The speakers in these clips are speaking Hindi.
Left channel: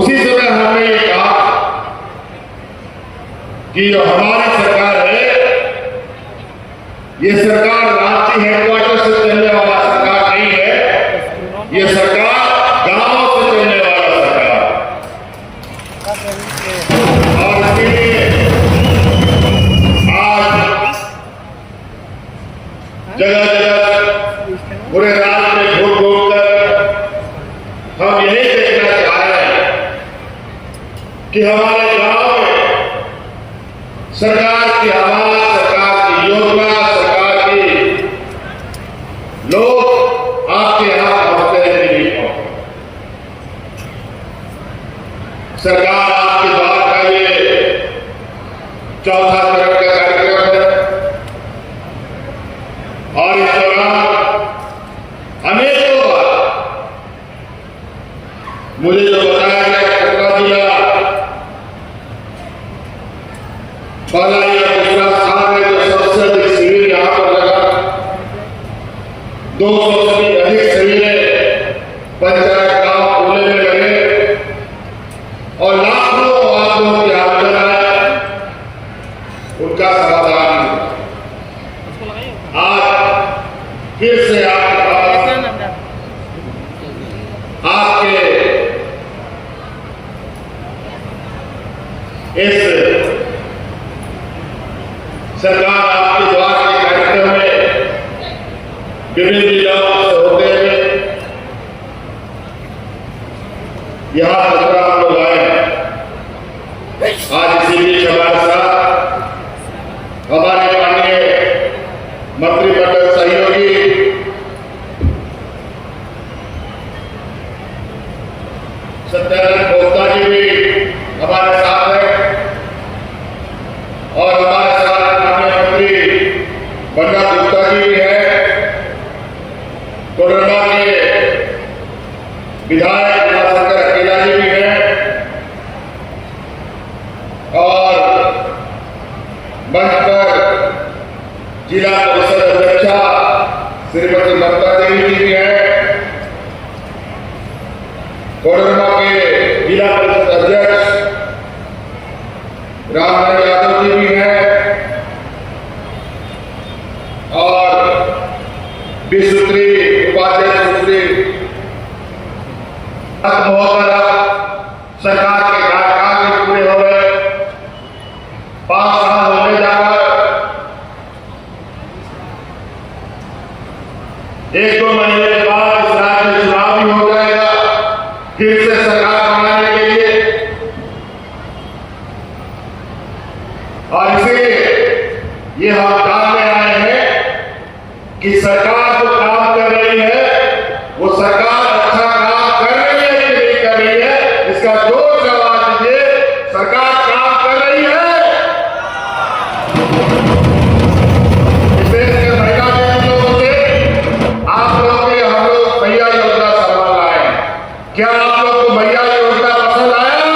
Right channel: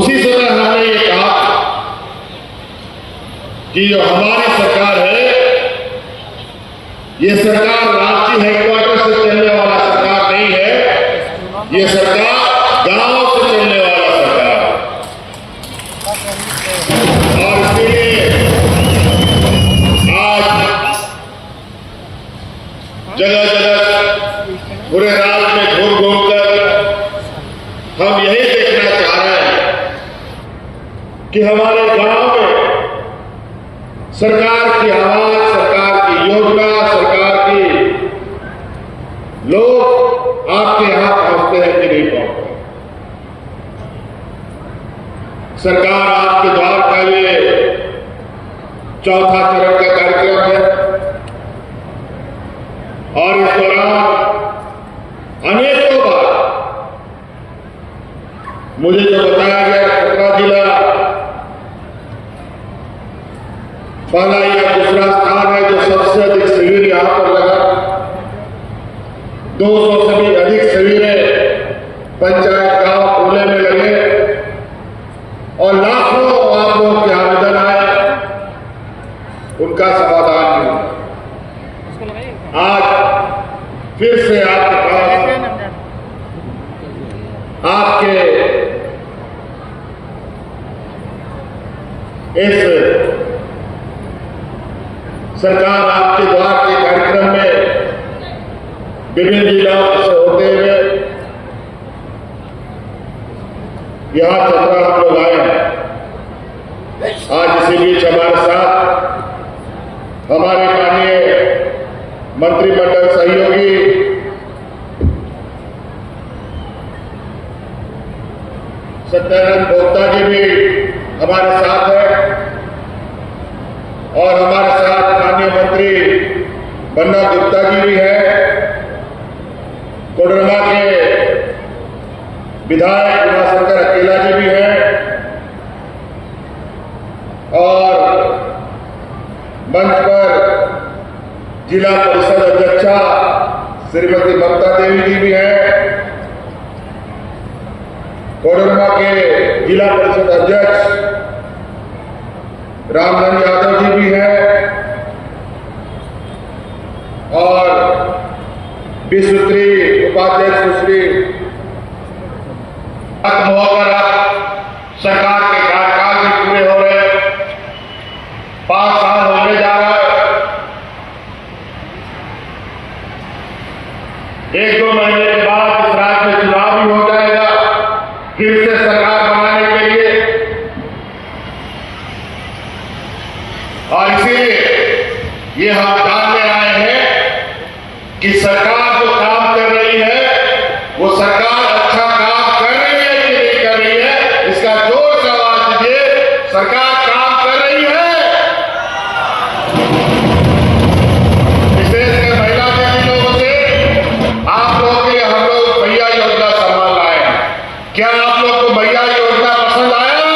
उसी समय हमने ये कहा कि जो हमारी सरकार है, ये सरकार रांची हेडक्वार्टर से चलने वाला सरकार नहीं है, ये सरकार गांव से चलने वाला सरकार है। और इसके लिए आज जगह जगह पूरे राज्य में घूम घूम कर हम यही देखना चाह रहे हैं कि हमारे गांव में सरकार की आवाज, सरकार की योजना, सरकार की लोग आपके यहां पहुंचते हैं कि नहीं पहुंचते। सरकार आपके द्वार के लिए चौथा चरण का कार्यक्रम है और इस दौरान अनेकों बार मुझे जो बताया गया, खतरा जिला पहला या दूसरा स्थान है जो सबसे अधिक शिविर यहां पर लगा। 200 से भी अधिक शिविर पंचायत गांव खुले में लगे और लाखों आप लोग के आवेदन आए, उनका समाधान आज फिर से आपके इस सरकार आपके द्वार के कार्यक्रम में विभिन्न जिलों से होते हुए यहां पर हम लोग आए हैं। आज इसी बीच हमारे साथ हमारे माननीय मंत्रिमंडल सहयोगी सत्यानंद भोक्ता जी भी हमारे साथ है और हमारे साथ माननीय मंत्री बन्ना गुप्ता जी भी है, कोडरमा के विधायक उमाशंकर अकेला जी भी है और मंच पर जिला परिषद अध्यक्षा श्रीमती ममता देवी जी भी है, कोडरमा के जिला परिषद अध्यक्ष रामधन यादव जी भी है और विश्वत्री उपाध्यक्ष सुश्री सरकार के कार्यकाल भी पूरे हो रहे, 5 साल होने जा रहा है। 1-2 महीने के बाद इस राज्य में चुनाव भी हो जाएगा फिर से सरकार बनाने के लिए, और इसीलिए ये हम जानने आए हैं कि सरकार जो काम कर रही है वो सरकार अच्छा काम कर रही है कि नहीं कर रही है, इसका जोर से आवाज दीजिए। सरकार काम कर रही है। इस देश के महिला देवी लोगों से आप लोगों के हम लोग भैया योजना संभाल लाए हैं। क्या आप लोग को भैया योजना पसंद आया?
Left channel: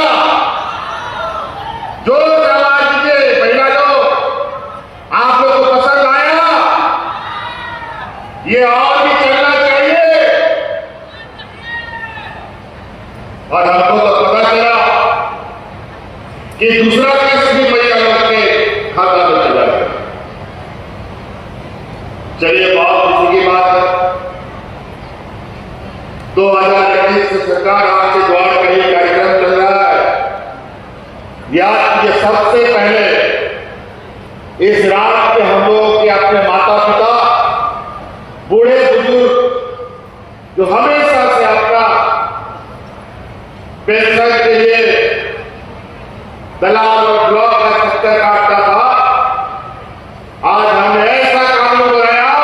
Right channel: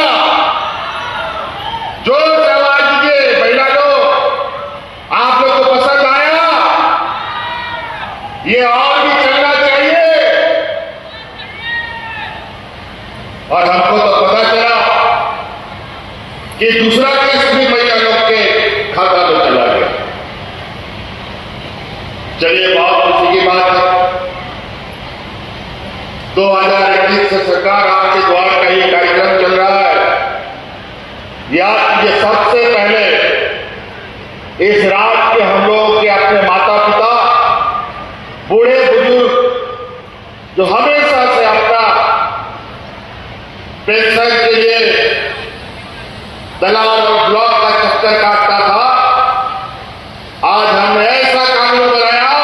जोर से आवाज दीजिए भैया लोग, आप लोग को पसंद आया? ये और भी चलना चाहिए। और हमको तो पता चला कि दूसरा किस्त भी भैया लोग के खाता में चला गया। चलिए बहुत खुशी की बात है, 2021 से सरकार आपके द्वार का ये कार्यक्रम चल रहा है। याद कीजिए, सबसे पहले इस राज्य के हम लोग के अपने माता पिता, बूढ़े बुजुर्ग जो हमेशा से अपना पेंशन के लिए दलाल और ब्लॉक का चक्कर काटता था, आज हमने ऐसा कानून बनाया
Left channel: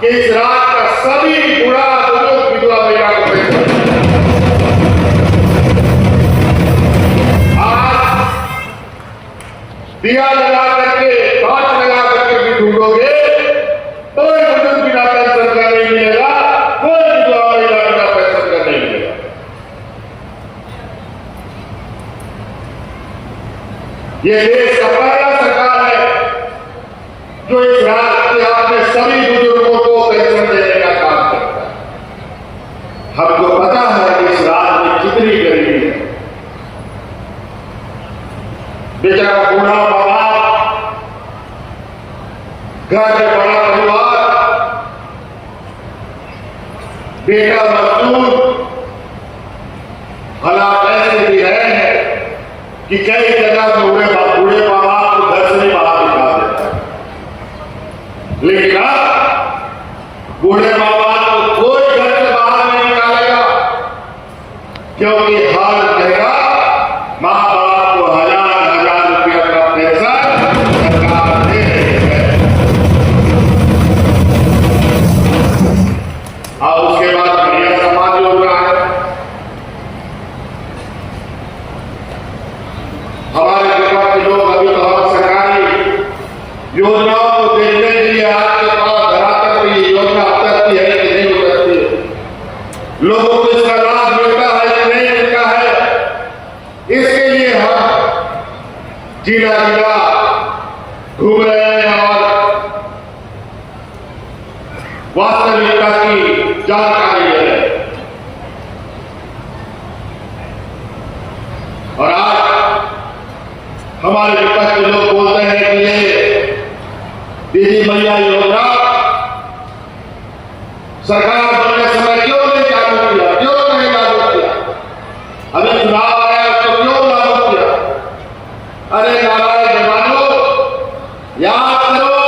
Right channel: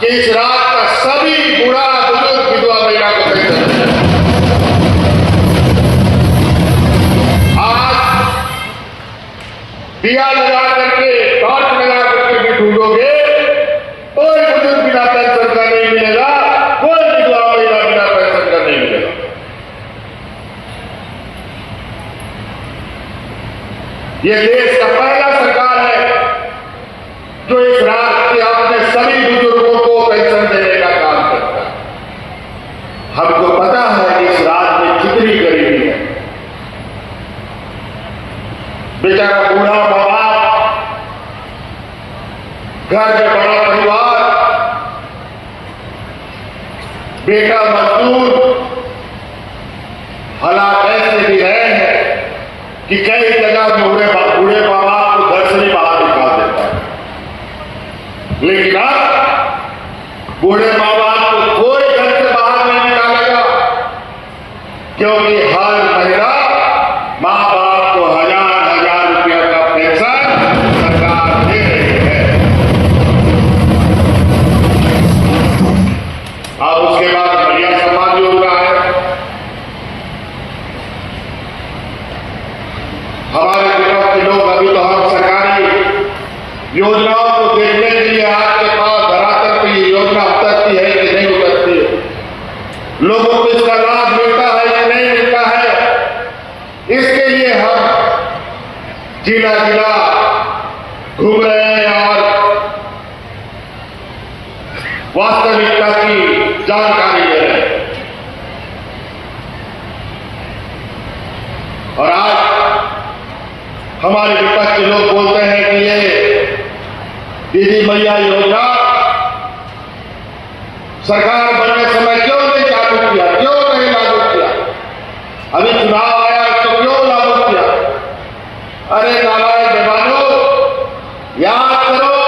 कि इस राज्य का सभी बूढ़ा बुजुर्ग विधवा महिला को पेंशन आज दिया लगा करके, टॉर्च लगा करके भी ढूंढोगे, कोई बुजुर्ग बिना पेंशन का नहीं मिलेगा, कोई विधवा महिला बिना पेंशन का नहीं मिलेगा। ये देश का पहला सरकार है जो इस राज्य के अपने सभी बुजुर्गों को पेंशन देने का काम करता है। हमको पता है कि इस राज्य में कितनी गरीबी है, बूढ़ा माँ बाप, घर में बड़ा परिवार, बेटा मजदूर, हालात ऐसे भी है कि कई जगह बूढ़े माँ बाप को घर से ही बाहर निकाल देता है। लेकिन अब बूढ़े माँ बाप को कोई घर से बाहर नहीं निकालेगा, क्योंकि हर महीना माँ बाप को 1000 रुपया का पेंशन सरकार दे रही है। और उसके बाद बढ़िया समाज योजना है। हमारे विभाग के लोग अभी तो हम सरकारी योजनाओं को देखने के लिए आपके पास धरातल पर ये योजना उतरती है कि नहीं उतरती है, लोगों को इसका लाभ मिलता है कि नहीं मिलता है, इसके लिए हम जिला जिला घूम रहे हैं और वास्तविकता की जानकारी ले रहे हैं। और आज हमारे विपक्ष के लोग बोलते हैं कि ये दीदी मैया योजना सरकार बनने समय क्यों नहीं लागू किया, क्यों नहीं लागू किया, अभी चुनाव आया तो क्यों लागू किया। अरे नारायण जवानों, याद करो,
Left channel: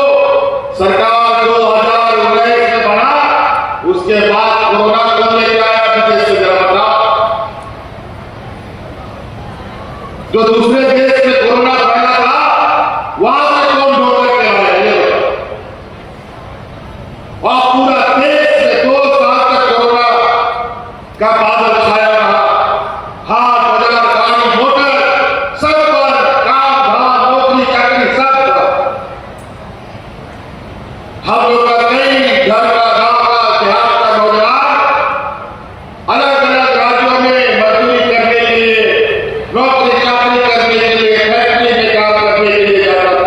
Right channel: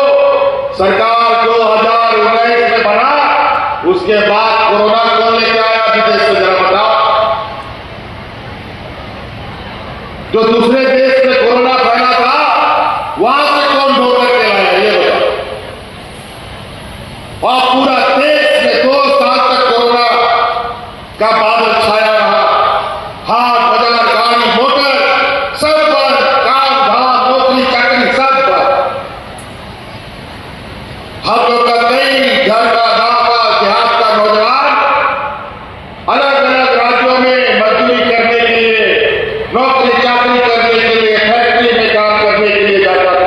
सरकार 2019 में बना, उसके बाद कोरोना को लेकर आया विदेश से जरा बताओ। जो दूसरे देश में कोरोना फैला था, वहां से कौन ढोल के आया ये बताओ। और पूरा देश में 2 साल तक कोरोना का बादल छाया रहा। हाट बाजार गाड़ी मोटर सब पर, काम धाम नौकरी चाकरी सब पर। हम लोग का कई घर का गांव का देहात का नौजवान अलग अलग राज्यों में मजदूरी करने के लिए, नौकरी चाकरी करने के लिए, फैक्ट्री में काम करने के लिए जाता था।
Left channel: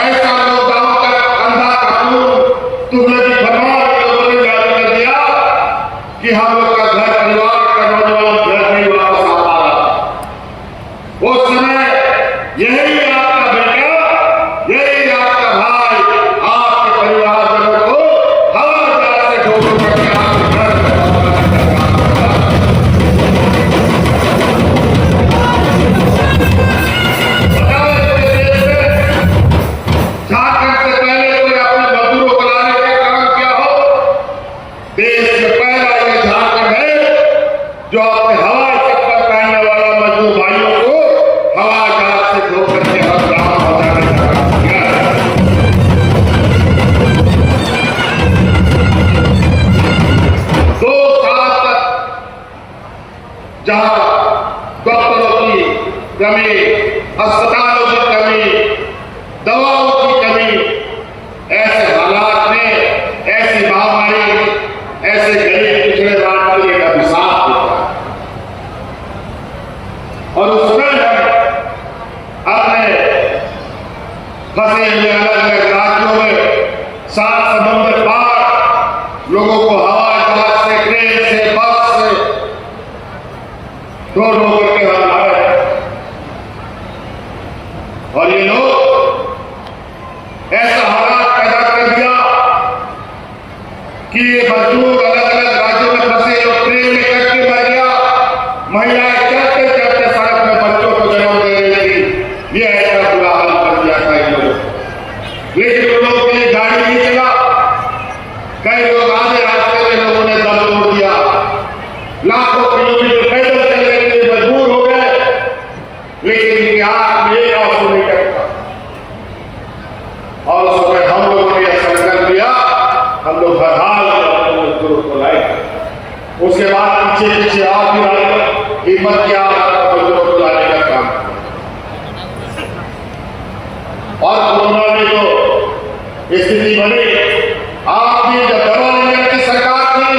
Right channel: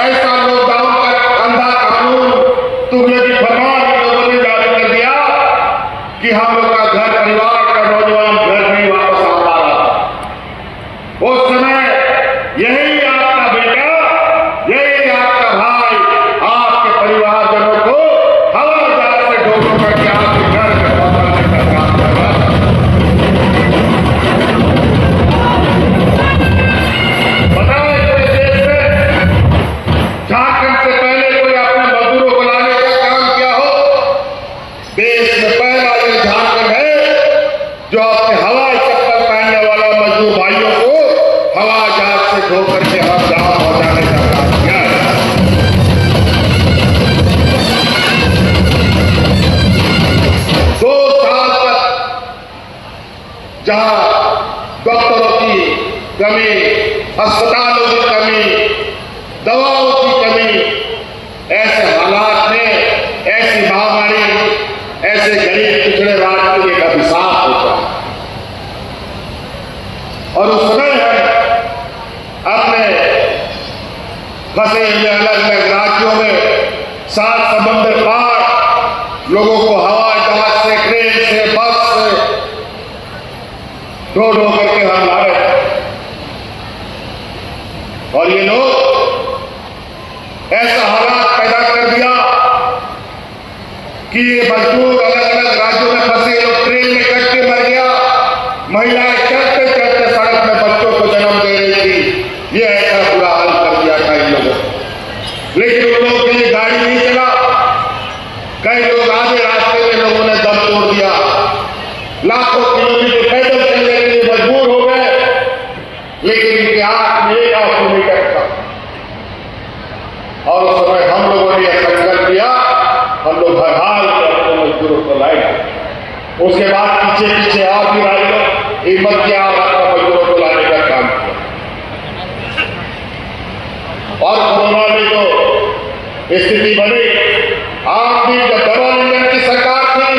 ऐसा लॉकडाउन का अंधा कानून तुम्हें भी फरमान लोगों ने जारी कर दिया कि हम लोग का घर परिवार का नौजवान घर नहीं वापस आ रहा था। उस समय यही आपका बेटा, यही आपका भाई, आपके परिवारजनों को हवाई जहाज से ढोल कर आपके घर में झारखंड से पहले कोई अपने मजदूरों को लाने का काम किया हो? देश में पहला ये झारखंड है जो अपने हवाई चप्पल पहनने वाला मजदूर भाइयों को हवाई जहाज से धो करके हम जहां पहुंचाने का काम किया है। 2 साल तक जहां डॉक्टरों की कमी, अस्पतालों की कमी, दवाओं की कमी, ऐसे हालात में ऐसी महामारी, ऐसे गरीब पिछड़े राज्य को एक अभिशाप होता है। और उस समय अपने फंसे हुए अलग अलग राज्यों में 7 समंदर पार लोगों को हवाई जहाज से, ट्रेन से, बस से ढो करके हम ला रहे हैं। और ये लोग ऐसा हालात पैदा कर दिया कि ये मजदूर अलग अलग राज्यों में फंसे, जो ट्रेन में कट के मर गया, महिलाएं चलते चलते सड़क में बच्चों को जन्म दे रही थी। ये ऐसा बुरा हाल कर दिया था इन लोगों। लेकिन उन लोगों के लिए गाड़ी नहीं चला, कई लोग आधे रास्ते में लोगों ने दम तोड़ दिया, लाखों किलोमीटर पैदल चलने के लिए मजबूर हो गए। लेकिन इनके हाथ में एक ऑक्सीमीटर था और उस समय हम लोगों ने यह संकल्प लिया, हम लोग हर हाल में मजदूरों को लाएंगे। उसके बाद पीछे पीछे आप भी आए, हिम्मत किया, मजदूरों को लाने का काम किया। और कोरोना में तो स्थिति बनी, आप भी जब दवा लेने की सरकार थी,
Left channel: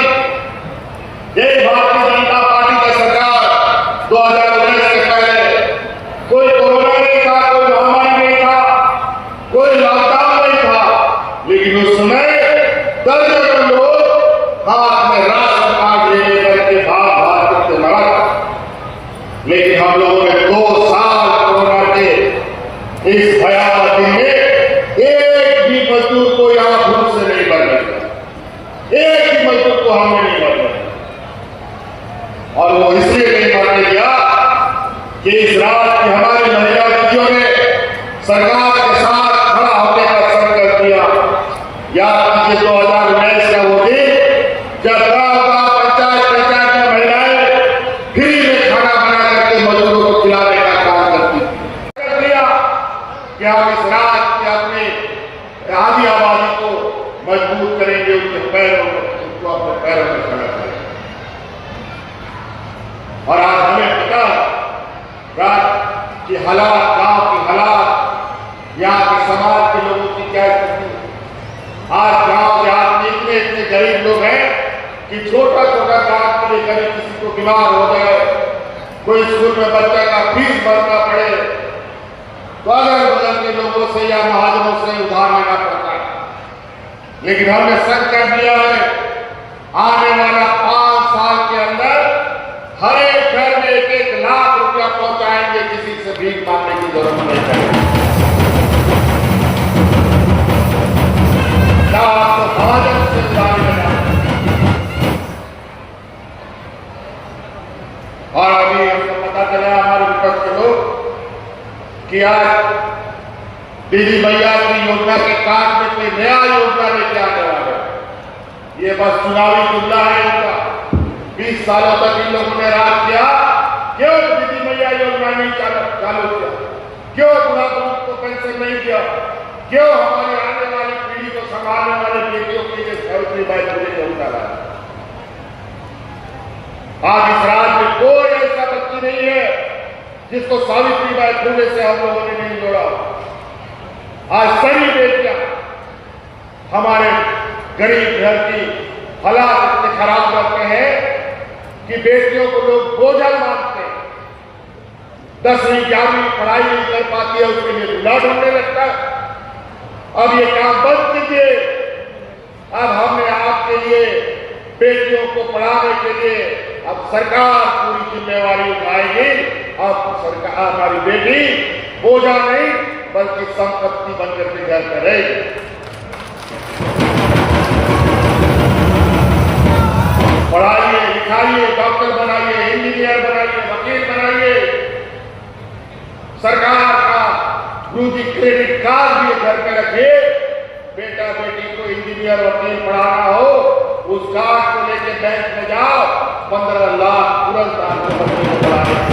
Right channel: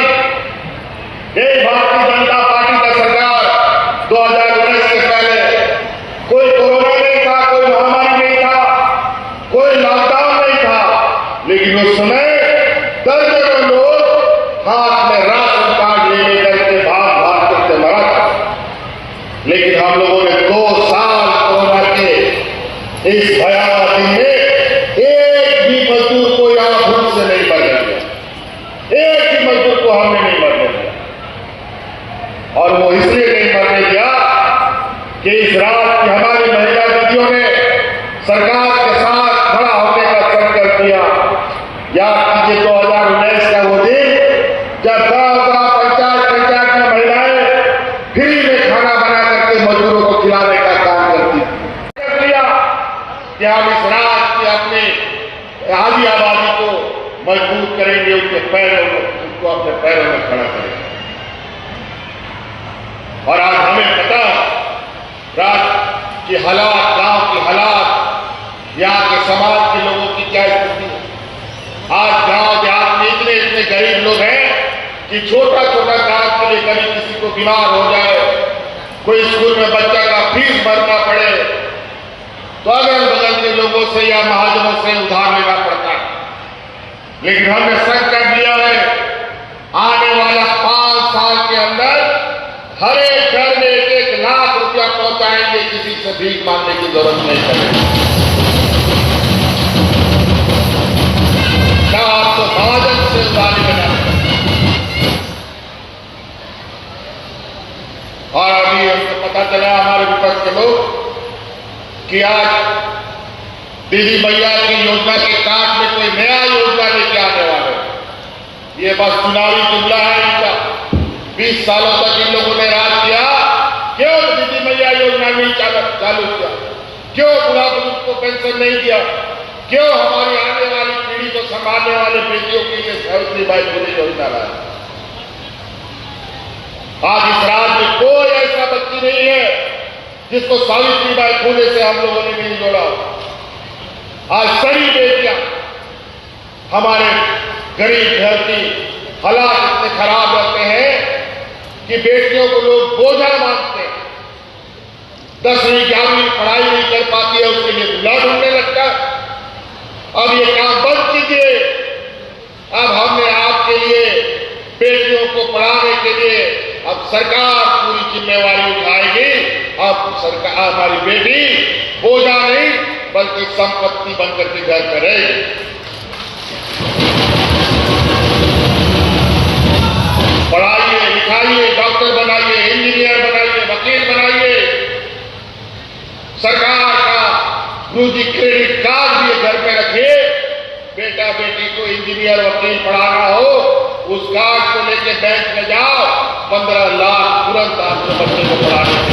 एक भारतीय जनता पार्टी की सरकार 2019 से पहले कोई कोरोना नहीं था, कोई महामारी नहीं था, कोई लॉकडाउन नहीं था। लेकिन उस समय दर्जनों लोग हाथ में राशन कार्ड लेने करके भाग भाग करके मरा था। लेकिन हम लोगों ने 2 साल उनको हमने नहीं मरने दिया। और वो इसलिए नहीं मरने दिया कि इस रात की हमारी महिला दीदियों ने सरकार के साथ खड़ा होने का संकल्प किया। याद कीजिए 2019 का वो दिन जब गांव-गांव, पंचायत में महिलाएं फ्री में खाना बना करके मजदूरों को खिलाने का काम करती थी। कि हम इस रात की अपनी आधी आबादी को मजबूत करेंगे, उनके पैरों में, उनको अपने पैरों में खड़ा करेंगे। और आज हमें पता रात की हालात, गांव की हालात, यहाँ के समाज के लोगों की क्या स्थिति है। आज गांव देहात में इतने इतने गरीब लोग हैं कि छोटा छोटा काम के लिए कभी किसी को बीमार हो जाए, कोई स्कूल में बच्चा का फीस भरना पड़े तो अगल बगल के लोगों से या महाजनों से उधार लेना पड़ता है। लेकिन हमने संकल्प लिया है, आने वाला 5 साल के अंदर हर एक घर में 1-1 लाख रुपया पहुंचाएंगे, किसी से भीख मांगने की जरूरत नहीं पड़ेगी। क्या आपको महाजन से उधारी बना। और अभी हमको पता चला हमारे विपक्ष के लोग कि आज दीदी मैया की योजना के काम में कोई नया योजना लेके आने वाले। ये बस चुनावी जुमला है इनका। 20 सालों तक इन लोगों ने राज किया, क्यों दीदी मैया योजना नहीं चालू किया, क्यों बुढ़ा बुजुर्ग को पेंशन नहीं दिया, क्यों हमारी आने वाली पीढ़ी को संभालने वाले बेटियों के लिए सावित्रीबाई फुले योजना लाया। आज इस राज्य में कोई ऐसा बच्ची नहीं है जिसको सावित्रीबाई फुले से हम लोगों ने नहीं जोड़ा। आज सभी बेटियां हमारे गरीब घर की हालात इतने खराब रहते हैं कि बेटियों को लोग बोझा मानते हैं। 10वीं 11वीं पढ़ाई नहीं कर पाती है, उसके लिए दूल्हा ढूंढने लगता है। अब ये काम बंद कीजिए। अब हमने आपके लिए बेटियों को पढ़ाने के लिए अब सरकार पूरी जिम्मेवारी उठाएगी। अब सरकार हमारी बेटी बोझा नहीं बल्कि संपत्ति बनकर के घर करेगी। पढ़ाइए, लिखाइए, डॉक्टर बनाइए, इंजीनियर बनाइए, वकील बनाइए। सरकार का गुरुजी क्रेडिट कार्ड भी घर पे रखिए। बेटा बेटी को इंजीनियर वकील पढ़ाना हो, उस कार्ड को लेके बैंक में जाओ, 15 लाख तुरंत आपके बच्चे को पढ़ाने।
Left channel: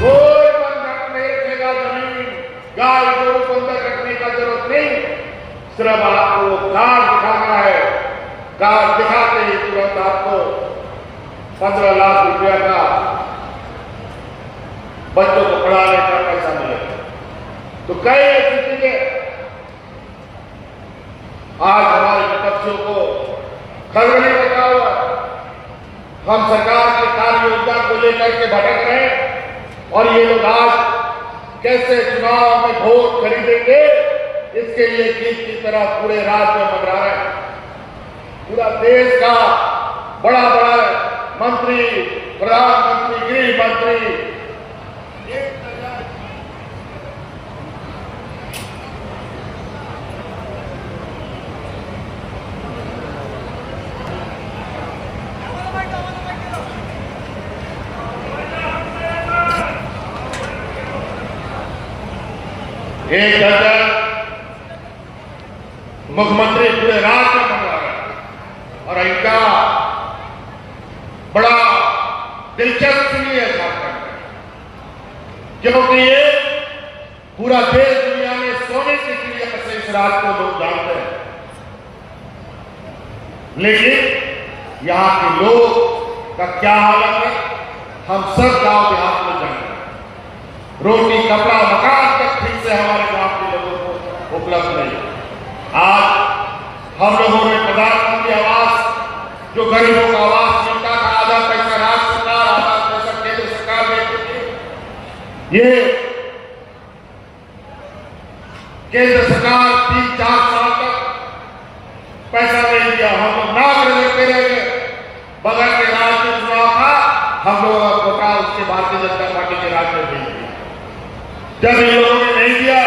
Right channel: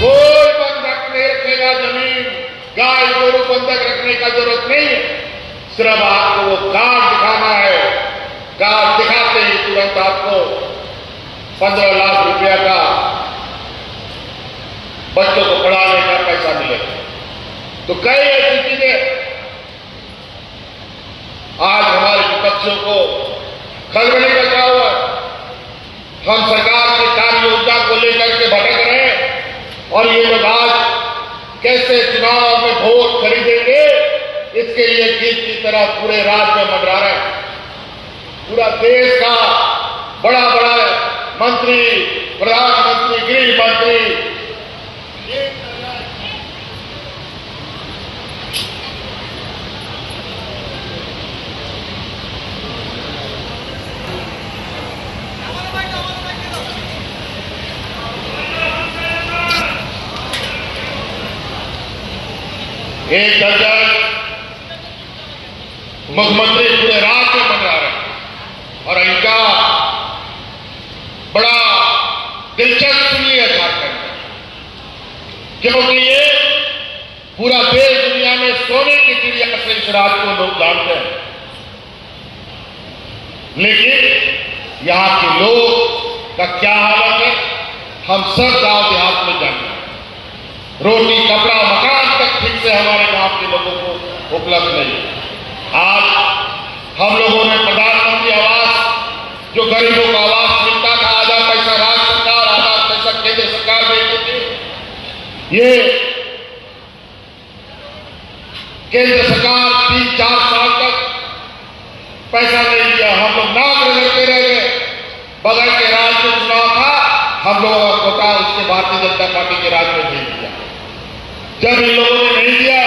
कोई बंधक नहीं रखेगा जमीन, गाय गोरू बंधक रखने का जरूरत नहीं। सिर्फ आपको वो कार्ड दिखाना है। कार्ड दिखाते ही तुरंत आपको 15 लाख रुपया का बच्चों को पढ़ाने का पैसा मिलेगा। तो कई ऐसी चीजें आज हमारे विपक्षियों को खलबली बचा हुआ। हम सरकार की कार्य योजना को लेकर के भटक रहे हैं और ये लोग आज कैसे चुनाव में वोट खरीदेंगे, इसके लिए गीत की तरह पूरे राज्य में मंडरा रहे हैं। पूरा देश का बड़ा बड़ा मंत्री, प्रधानमंत्री, गृह मंत्री एक दर्जन मुख्यमंत्री पूरे राज्य में मंडरा रहे हैं और इनका बड़ा दिलचस्प नहीं है झारखंड में, क्योंकि ये पूरा देश दुनिया में सोने की चिड़िया से इस राज्य को लोग जानते हैं। लेकिन यहां के लोग का क्या हालत है हम सब गांव देहात में जानते हैं। रोटी, कपड़ा, मकान तक ठीक से हमारे गांव के लोगों को उपलब्ध नहीं। आज हम लोगों ने प्रधानमंत्री आवास, जो गरीबों का आवास मिलता था, आधा पैसा राज्य सरकार, आधा पैसा केंद्र सरकार देती थी। ये केंद्र सरकार 3-4 साल तक पैसा नहीं दिया। हम लोग नाक रगड़ते रह गए। बगल के राज्य में चुनाव था, हम लोगों का कोटा उसके भारतीय जनता पार्टी के राज्य में भेज दिया। जब इन लोगों ने नहीं दिया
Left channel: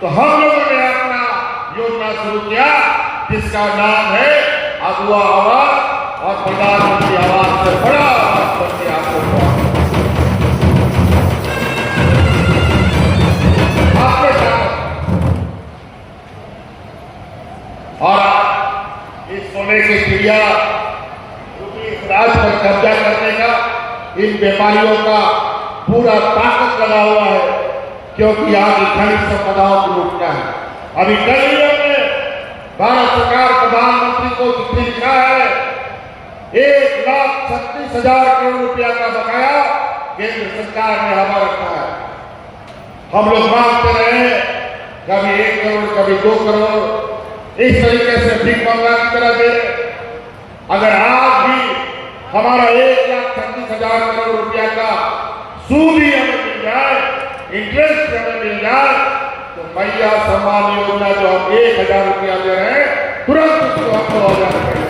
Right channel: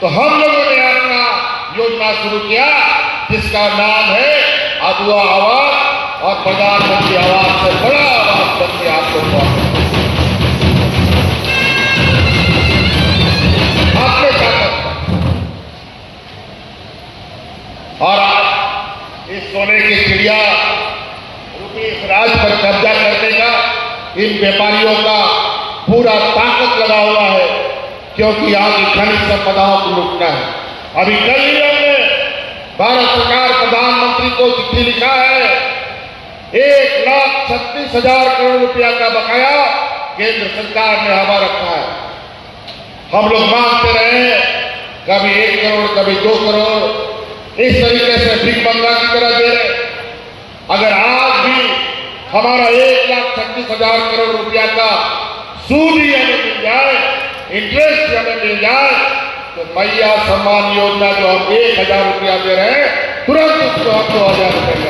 तो हम लोगों ने अपना योजना शुरू किया जिसका नाम है अगुआ आवास और प्रधानमंत्री आवास से बड़ा आवास बनती आपको आपने क्या और आप इस सोने की चिड़िया रूपी इस राज पर कब्जा करने का इन व्यापारियों का पूरा ताकत लगा हुआ है, क्योंकि आज खनिज संपदाओं को लूटना है। अभी कल ही हमने भारत सरकार प्रधानमंत्री को चिट्ठी लिखा है, 1,36,000 करोड़ रुपया का बकाया केंद्र सरकार ने हवा रखा है। हम लोग मांगते रहे, कभी 1 करोड़ कभी 2 करोड़, इस तरीके से भीख मंगा की तरह दे। अगर आज भी हमारा 1,36,000 करोड़ रुपया का सूद ही हमें मिल जाए, इंटरेस्ट हमें मिल जाए, तो मैया सम्मान योजना जो हम 1,000 रुपया दे रहे हैं, तुरंत उसको हम 2,000 रुपया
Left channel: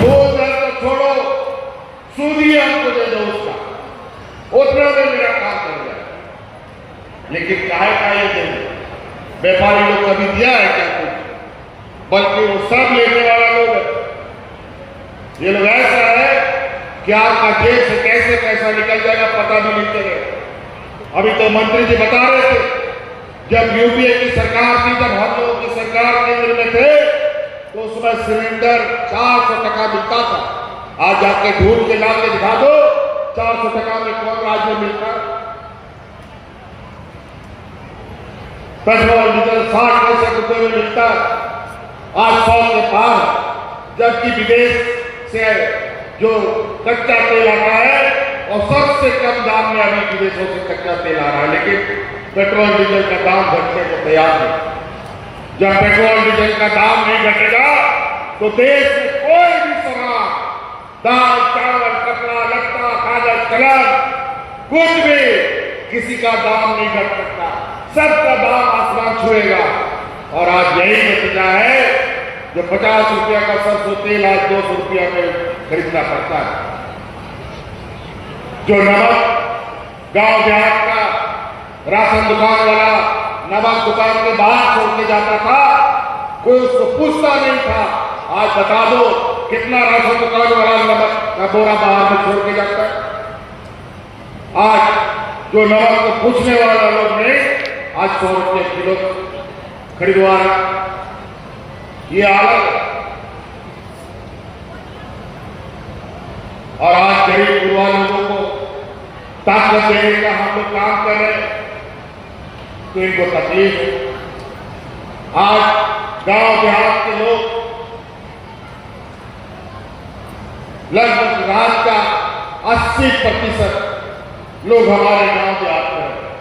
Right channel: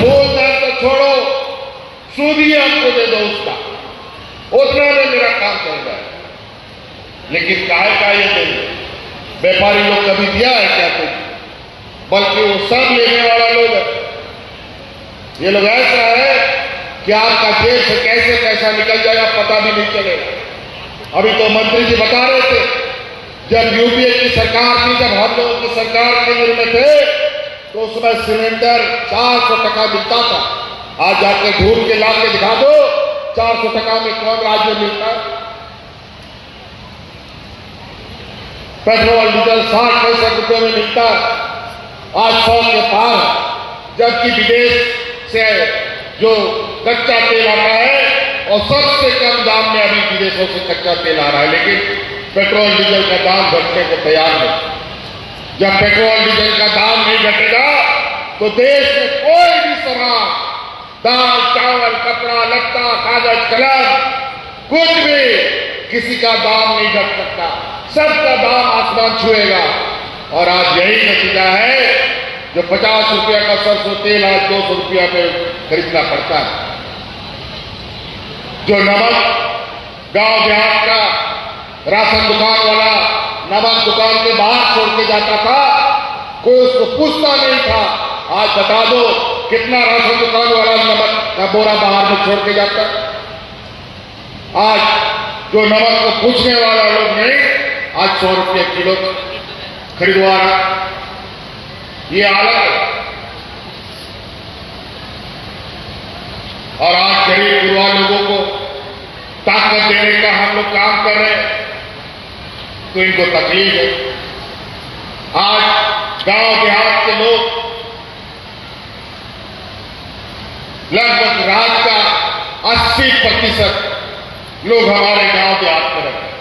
मूलधन तो छोड़ो, सूद ही हमको दे दो उसका, उतना में मेरा काम कर जाए। लेकिन काहे का ये नहीं, व्यापारी लोग कभी दिया है क्या कुछ, बल्कि वो सब लेने वाला लोग है। ये लोग ऐसा है कि आपका देश से कैसे पैसा निकल जाएगा पता भी नहीं चलेगा। अभी तो मंत्री जी बता रहे थे, जब यूपीए की सरकार थी, जब हम लोगों की सरकार केंद्र में थे, तो उसमें सिलेंडर 400 टका मिलता था। आज जाके ढूंढ के ला के दिखा दो, 400 टका में कौन राज्य मिलता है? पेट्रोल डीजल 60 रुपए में मिलता है, आज 100 के पार। जबकि विदेश से जो कच्चा तेल आता है और सबसे कम दाम में अभी विदेशों से कच्चा तेल आ रहा है, लेकिन पेट्रोल डीजल का दाम घटने को तैयार नहीं। जब पेट्रोल डीजल का दाम नहीं घटेगा तो देश में कोई भी सामान, दाल चावल कपड़ा लत्ता कागज कलम, कुछ भी किसी का दाम नहीं घट सकता, सबका दाम आसमान छुएगा। और आज यही नतीजा है, जो 50 रुपया का सरसों तेल आज 200 रुपया में खरीदना पड़ता है। जो नमक गांव देहात का राशन दुकान वाला नमक दुकान के बाहर छोड़ के जाता था, कोई उसको पूछता नहीं था। आज बता दो कितना राशन दुकान वाला नमक का बोरा बाहर में छोड़ के जाता है। आज जो नमक को पूछने वाला लोग नहीं, आज 100 रुपये किलो खरीदवा रहा, ये हालत है। और आज गरीब युवा लोगों को ताकत देने का हम लोग काम कर रहे हैं, तो इनको तकलीफ है। आज गांव देहात के लोग लगभग राज्य का 80% लोग हमारे गांव देहात में रहते हैं,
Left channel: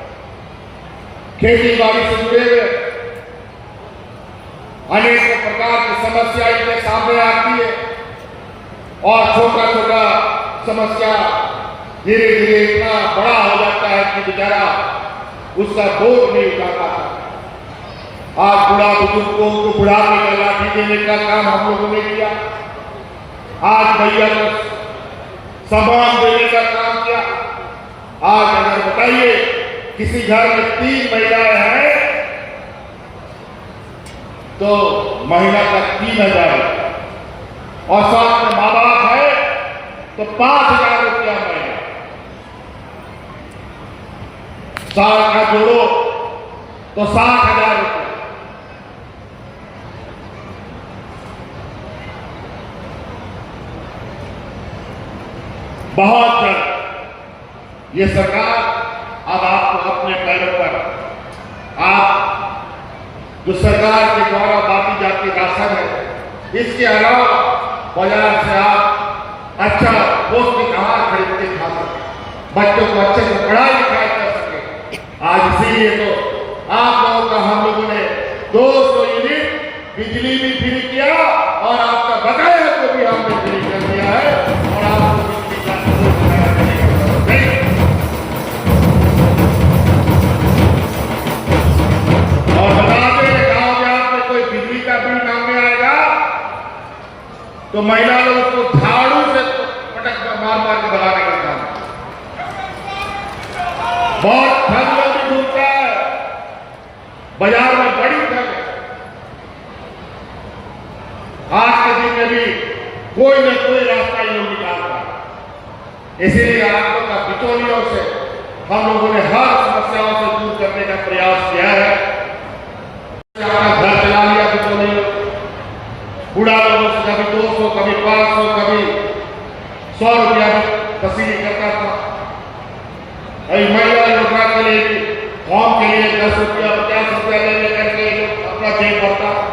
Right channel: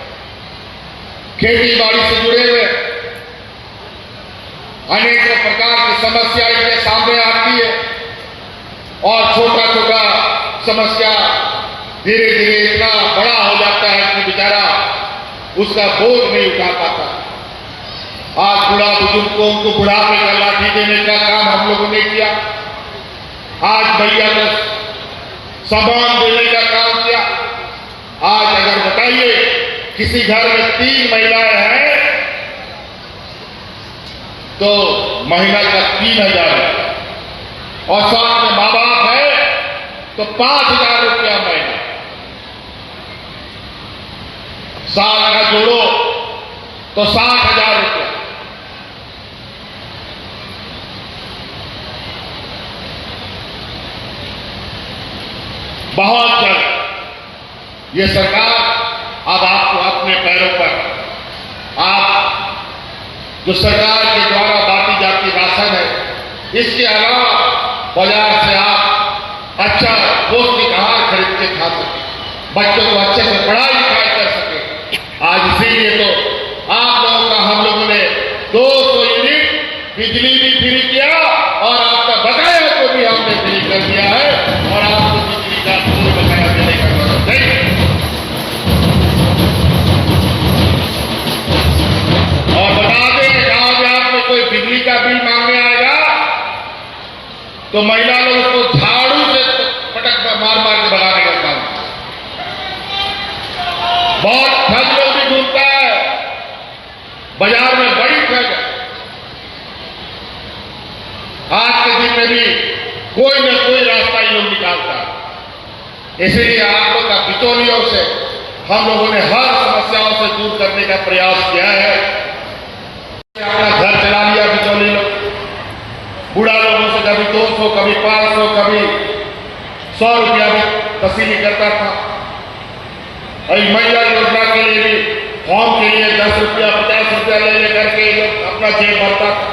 खेती बाड़ी से जुड़े हुए। अनेक प्रकार की समस्या इनके सामने आती है और छोटा छोटा समस्या धीरे धीरे इतना बड़ा हो जाता है कि बेचारा उसका बोझ नहीं उठा पाता। आज बुढ़ा बुजुर्गों को बुढ़ापे का लाठी देने का काम हम लोगों ने किया। आज भैया को सामान देने का काम किया। आज अगर बताइए किसी घर में 3 महिलाएं हैं तो महीना का 3,000 और साथ में माँ बाप है तो 5,000 रुपया महीना। साल का जोड़ो तो 60,000 रुपया। बहुत जल्द ये सरकार अब आपको अपने पैरों पर, आप जो सरकार के द्वारा बांटी जाती राशन है, इसके अलावा बाजार से आप अच्छा पौष्टिक आहार खरीद के खा सके, बच्चों को अच्छे से पढ़ाई लिखाई कर सके। आज इसीलिए तो आप लोगों का हम लोगों ने 200 यूनिट बिजली भी फ्री किया और आपका बकाया को भी हमने फ्री कर दिया है और आपको बिजली का कोई बकाया देने का जरूरत नहीं। और बता दें गांव में आपको कोई बिजली का बिल मांगने आएगा तो महिला लोग उसको झाड़ू से पटक मार मार के भगाने का काम। बहुत ठग भी ढूंढता है, बाजार में बड़ी ठग। आज के दिन में भी कोई न कोई रास्ता ये लोग निकालता है। इसीलिए आप लोग का बिचौलियों से हम लोगों ने हर समस्याओं से दूर करने का प्रयास किया है। घर चला लिया बिचौलियों, बूढ़ा लोगों से कभी 200, कभी 500, कभी 100 रुपया भी वसूली करता था। अभी महिला योजना के लिए भी फॉर्म के लिए 10 रुपया 50 रुपया ले लेकर के लोग अपना जेब भरता था।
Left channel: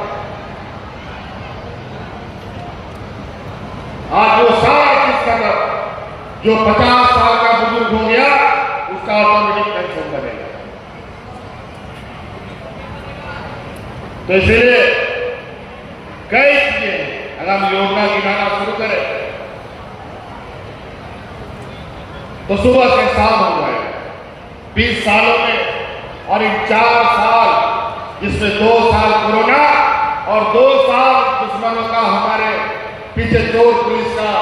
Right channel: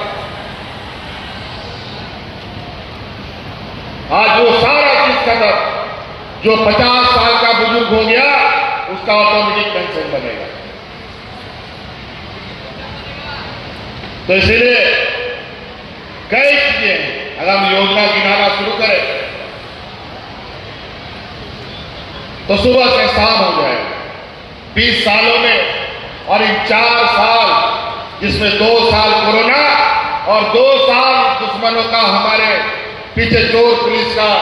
आज वो सारा चीज खत्म। जो 50 साल का बुजुर्ग हो गया उसका ऑटोमेटिक पेंशन बनेगा। तो इसलिए कई चीजें अगर हम योजना गिनाना शुरू करें तो सुबह से शाम हो जाए। 20 सालों में और इन 4 साल जिसमें 2 साल कोरोना और 2 साल दुश्मनों का हमारे पीछे चोर पुलिस का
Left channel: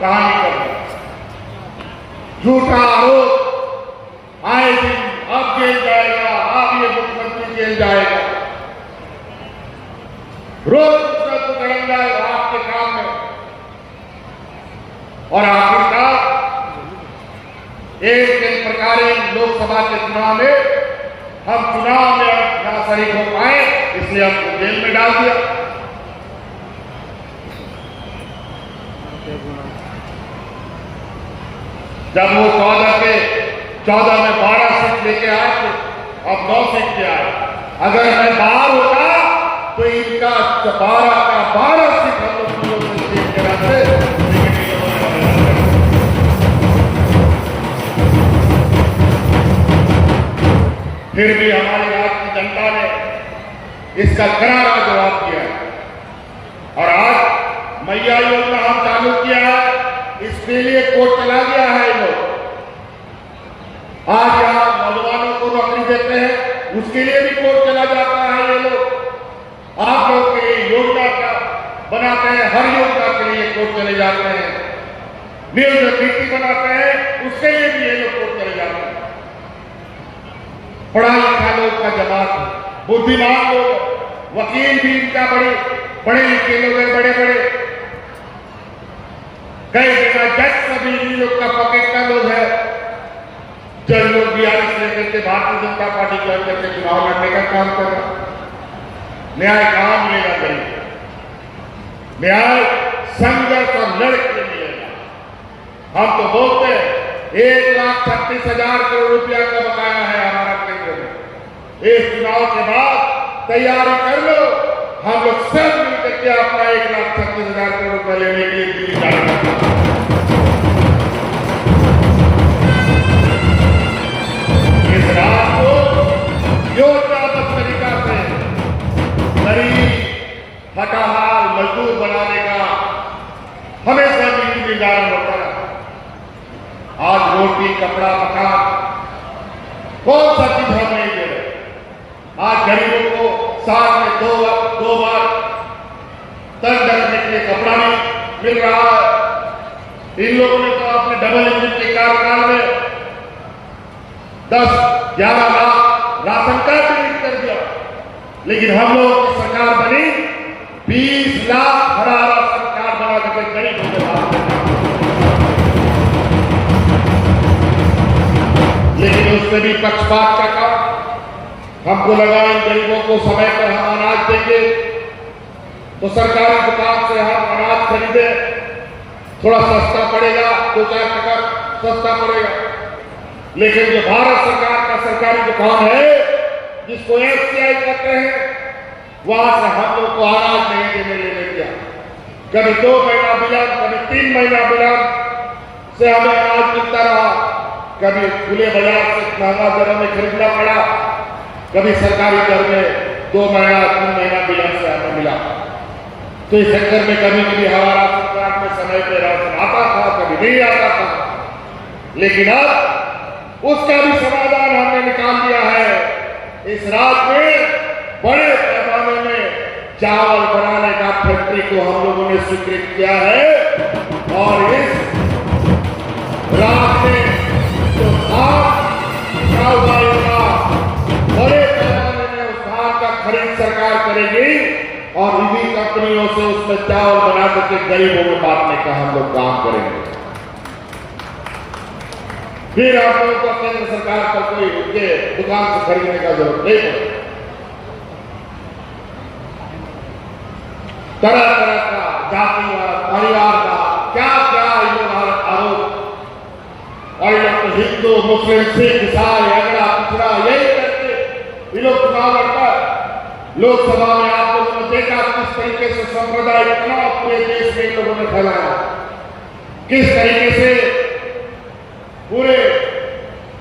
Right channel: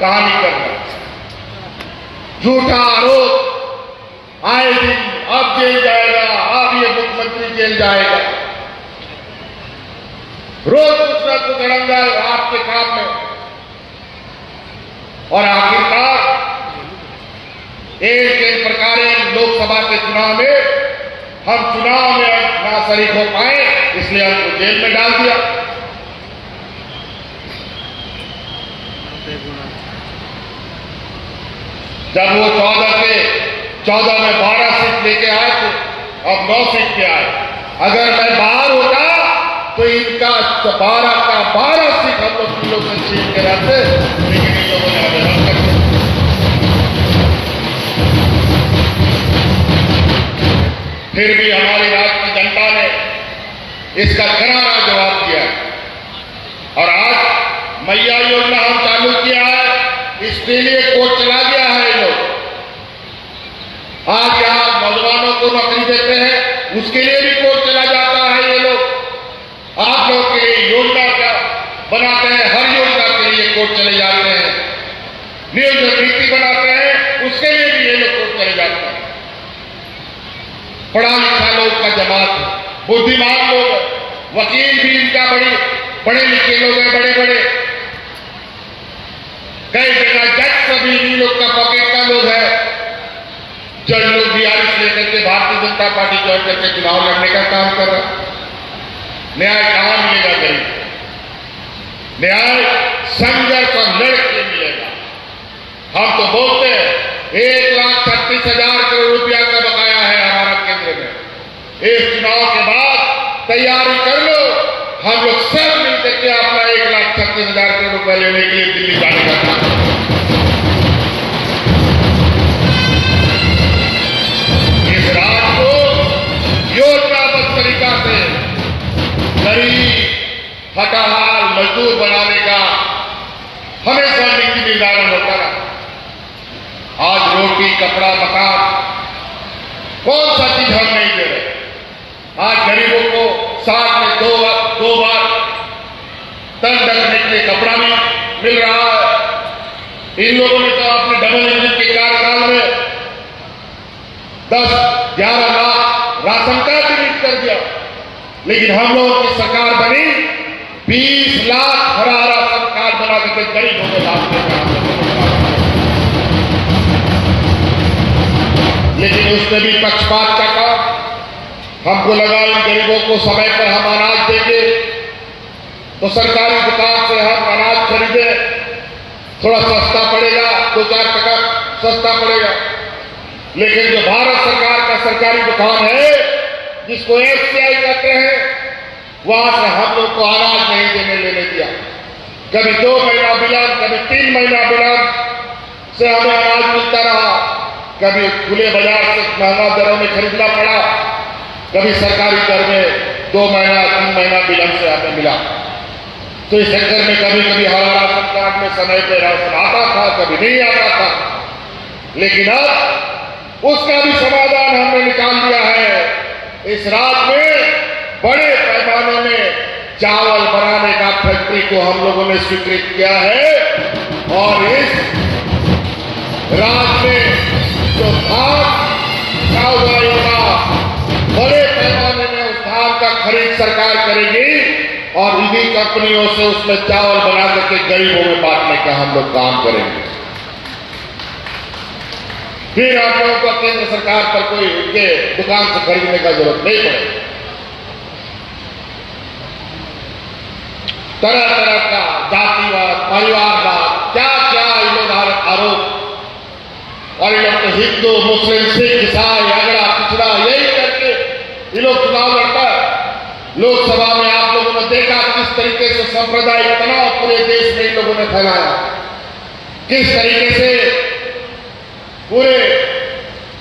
कहानी करना, झूठा आरोप, आए दिन अब जेल जाएगा, अब ये मुख्यमंत्री जेल जाएगा, रोज कुछ न कुछ अड़ंगा आपके काम में। और आखिरकार एक प्रकार लोकसभा के चुनाव में हम चुनाव में ना शरीक हो पाए, इसलिए हमको जेल में डाल दिया। जब वो 14 में 12 सीट लेके आए थे, अब 9 सीट पे आए। अगर मैं बाहर होता तो इनका 12 का 12 सीट हम लोग तीनों को सीट के रहते। फिर भी हमारी राज्य की जनता ने इसका करारा जवाब दिया और आज मैया योजना हम चालू किया है। इसके लिए कोर्ट चला गया है। ये लोग आज यहां नौजवानों को नौकरी देते हैं, उसके लिए भी कोर्ट चला जाता है। ये लोग आप लोग के लिए योजना का बनाते हैं, हर योजना के लिए कोर्ट चले जाते हैं। नियोजन नीति बनाते हैं, उसके लिए भी ये लोग कोर्ट चले जाते हैं। पढ़ा लिखा लोग का जमात है, बुद्धिमान लोग, वकील भी इनका बड़े लिखे लोग हैं, बड़े बड़े कई जगह जज सभी इन लोग का पॉकेट का लोग है। जज लोग भी आरिश लेकर के भारतीय जनता पार्टी ज्वाइन करके चुनाव लड़ने का काम कर रहा है। न्याय कहां मिलेगा गरीब? न्याय संघर्ष और लड़ के मिलेगा। हम तो बोलते हैं 1,36,000 करोड़ रुपया का बकाया है हमारा केंद्र में। इस चुनाव के बाद तैयारी कर लो, हम लोग सब मिलकर के अपना 1,36,000 करोड़ रुपया लेने के लिए दिल्ली जाएगा। इस रात को योजनाबद्ध तरीका से गरीब हटाहाल मजदूर बनाने का हमेशा नीति निर्धारण होता रहा। आज रोटी कपड़ा मकान कौन सा चीज हम नहीं दे रहे। आज गरीबों को साल में दो बार तन ढकने के लिए कपड़ा नहीं मिल रहा है। इन लोगों ने तो अपने डबल इंजन के कार्यकाल में 10-11 लाख राशन कार्ड वितरित कर दिया, लेकिन हम लोगों की सरकार बनी 20 लाख हरा राशन कार्ड बना करके गरीबों के बात। लेकिन उसमें भी पक्षपात का काम। हमको लगा इन गरीबों को समय पर हम अनाज देंगे तो सरकारी दुकान से हम अनाज खरीदे, थोड़ा सस्ता पड़ेगा, 2-4 टका सस्ता पड़ेगा। लेकिन जो भारत सरकार का सरकारी दुकान है जिसको FCI कहते हैं, वहां से हम लोग को अनाज नहीं देने लेने दिया। कभी 2 महीना विलंब, कभी 3 महीना विलंब से हमें अनाज मिलता रहा। कभी खुले बाजार से महंगा दरों में खरीदना पड़ा, कभी सरकारी दर में 2 महीना 3 महीना विलंब से हमें मिला। तो इस चक्कर में कभी कभी हमारा राशन कार्ड में समय पर राशन आता था, कभी नहीं आता था। लेकिन अब उसका भी समाधान हमने निकाल दिया है। इस राज्य में बड़े पैमाने में चावल बनाने का फैक्ट्री को हम लोगों ने स्वीकृत किया है और इस राज्य में जो धान का सरकार करेगी और निजी कंपनियों से उसमें चावल बना करके गरीबों में बांटने का हम लोग काम करेंगे। फिर आप लोगों को केंद्र सरकार पर कोई उनके दुकान से खरीदने का जरूरत नहीं पड़ेगी। तरह तरह का जातिवाद, परिवारवाद, क्या क्या इन लोग आरोप, और इन लोग हिंदू, मुस्लिम, सिख, ईसाई, अगड़ा, पिछड़ा, यही करके ये लोग चुनाव लड़ता है। लोकसभा में आप लोगों ने देखा किस तरीके से सांप्रदायिक तनाव पूरे देश में इन लोगों ने फैलाया, किस तरीके से पूरे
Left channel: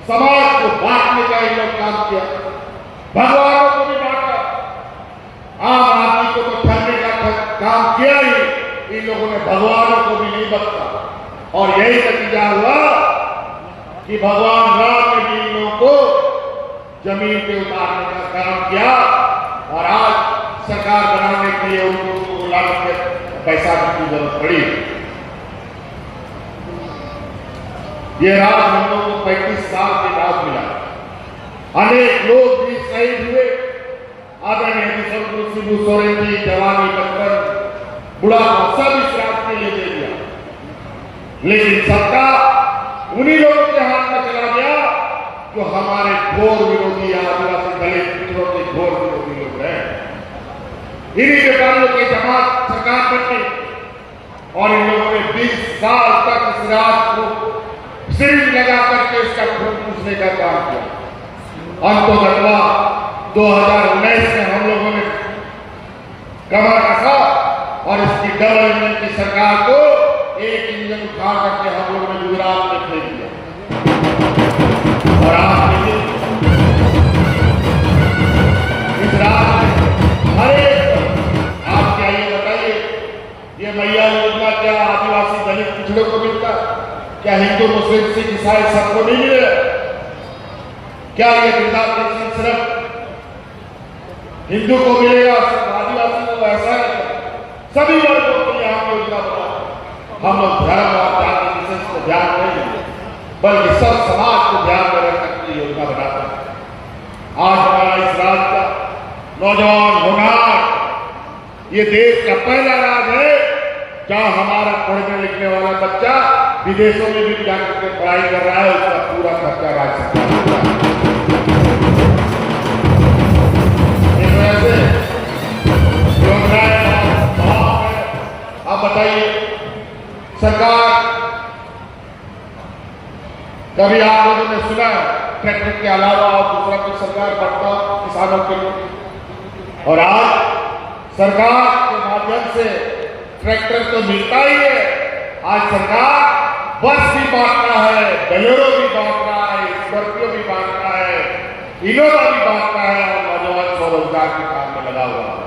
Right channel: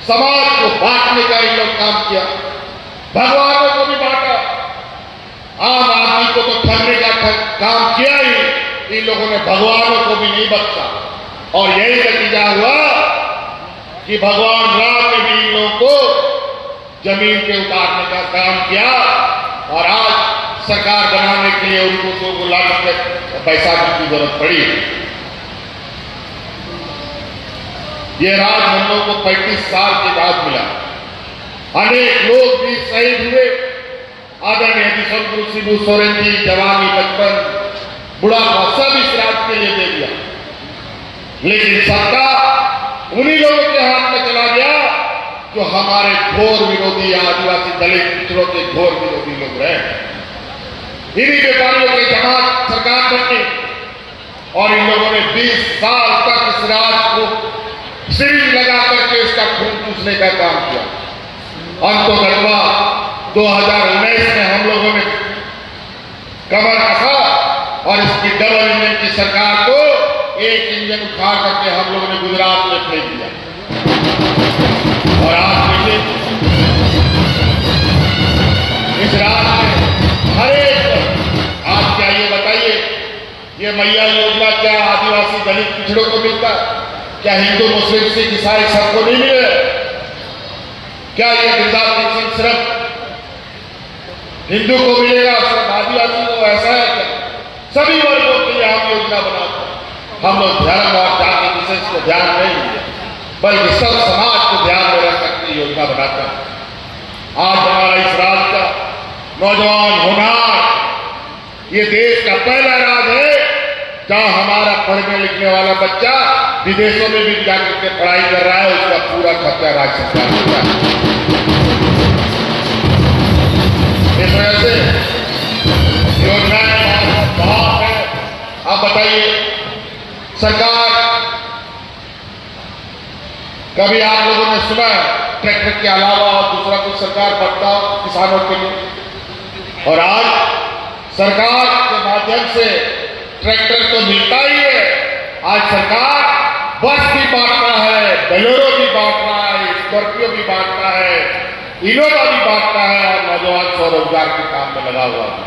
समाज को बांटने का इन लोग काम किया। भगवानों को भी बांटा, आम आदमी को तो ठगने का काम किया ही, इन लोगों ने भगवानों को भी नहीं बख्शा। और यही नतीजा हुआ कि भगवान राम ने भी इन लोगों को जमीन पे उतारने का काम किया और आज सरकार बनाने के लिए उनको लाख पैसा की जरूरत पड़ी। ये राज हम लोग को 35 साल के बाद मिला। अनेक लोग भी शहीद हुए। आदरणीय विश्वगुरु शिबू सोरेन जी जवानी, बचपन, बुढ़ापा सब इस राज के लिए दे दिया, लेकिन सत्ता उन्हीं लोगों के हाथ में चला गया जो हमारे घोर विरोधी, आदिवासी, दलित, पिछड़ों के घोर विरोधी लोग रहे। इन्हीं व्यापारियों के जमात सरकार बनी और इन लोगों ने 20 साल तक इस राज को सिरिंज लगा करके इसका खून पूछने का काम किया। अंतोगतवा 2019 में हम लोगों ने कमर रखा और इसकी डबल इंजन की सरकार को एक इंजन उठा करके हम लोगों ने गुजरात में फेंक दिया। और आज देखिए इस राज्य में हर एक, आप क्या ये बताइए, ये मैया योजना क्या आदिवासी, दलित, पिछड़ों को मिलता? क्या हिंदू, मुस्लिम, सिख, ईसाई सबको नहीं मिले? क्या ये वृद्धा पेंशन सिर्फ हिंदू को मिलेगा, सिर्फ आदिवासी को? ऐसा है क्या? सभी वर्गों के लिए हम योजना बनाते हैं। हम लोग धर्म और जाति विशेष को ध्यान नहीं देते, बल्कि सब समाज को ध्यान में रख सकती योजना बनाता है। आज हमारा इस राज्य का नौजवान होनार ये देश का पहला राज्य है जहां हमारा पढ़ने लिखने वाला बच्चा विदेशों में भी जाकर के पढ़ाई कर रहा है, उसका पूरा खर्चा राज्य सरकार कर रहा है। इस वजह से योजनाएं बहुत है। आप बताइए, सरकार, कभी आप लोगों ने सुना ट्रैक्टर के अलावा और दूसरा कुछ सरकार बढ़ता किसानों के लिए? और आज सरकार के माध्यम से ट्रैक्टर तो मिलता ही है, आज सरकार बस भी बांट रहा है, बोलेरो भी बांट रहा है, स्कॉर्पियो भी बांट रहा है, इनोवा भी बांट रहा है और नौजवान स्वरोजगार के काम में लगा हुआ है।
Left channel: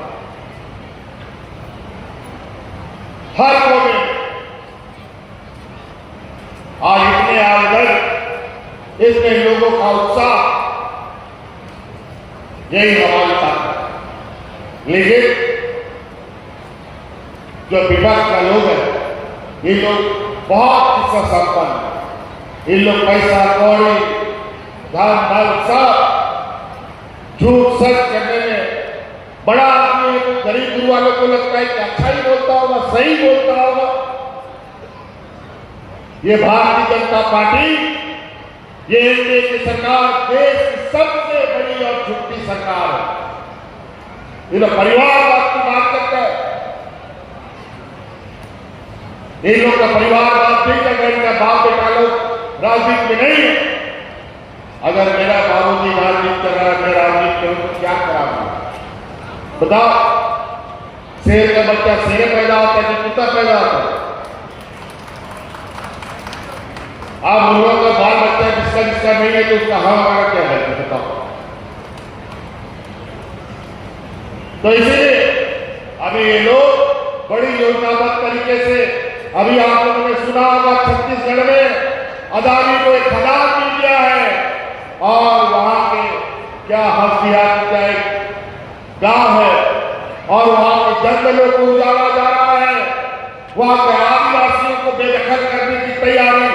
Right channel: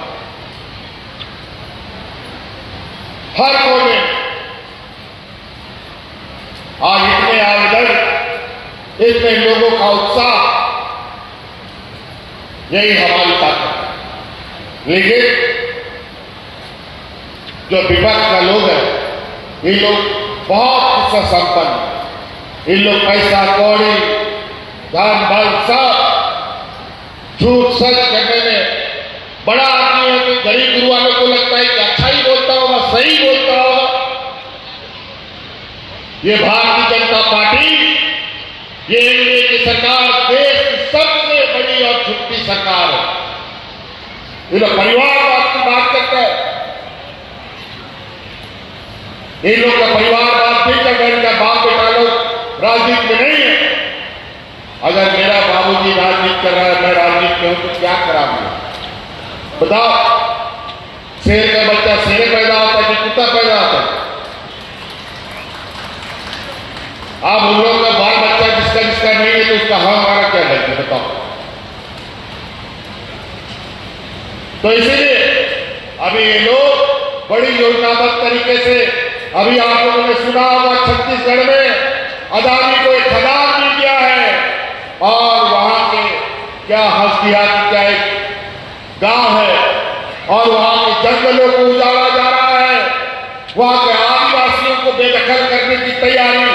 हर कोने आज इतने आवेदन, इतने लोगों का उत्साह, यही हमारी ताकत है। लेकिन जो विपक्ष का लोग है, ये लोग बहुत संपन्न, इन लोग पैसा कौड़ी, धन बल सब झूठ सच करने में बड़ा आदमी है। तो गरीब गुरु वालों को लगता है कि अच्छा ही बोलता होगा, सही बोलता होगा। ये भारतीय जनता पार्टी, ये एनडीए की सरकार देश की सबसे बड़ी और झूठी सरकार है। ये लोग परिवारवाद की बात करता है। इन लोग का परिवारवाद ठीक है, मेरा बाप बेटा लोग राजनीति में नहीं है। अगर मेरा बाबूजी राजनीति कर रहा है, मैं राजनीति में हूं, तो क्या कराऊंगा? बताओ, शेर का बच्चा शेर पैदा होता है कि कुत्ता पैदा होता है? आप उन लोगों का बाल बच्चा जिसका जिसका नहीं है तो उसका हमारा क्या है बताओ? तो इसलिए अभी ये लोग बड़ी योजनाबद्ध तरीके से, अभी आप लोगों ने सुना होगा छत्तीसगढ़ में अदानी को एक खदान मिल गया है और वहां के क्या हंसदिया की क्या एक गांव है और वहां के जंगलों को उजाड़ा जा रहा है। वहां के आदिवासियों को बेदखल करने की तैयारी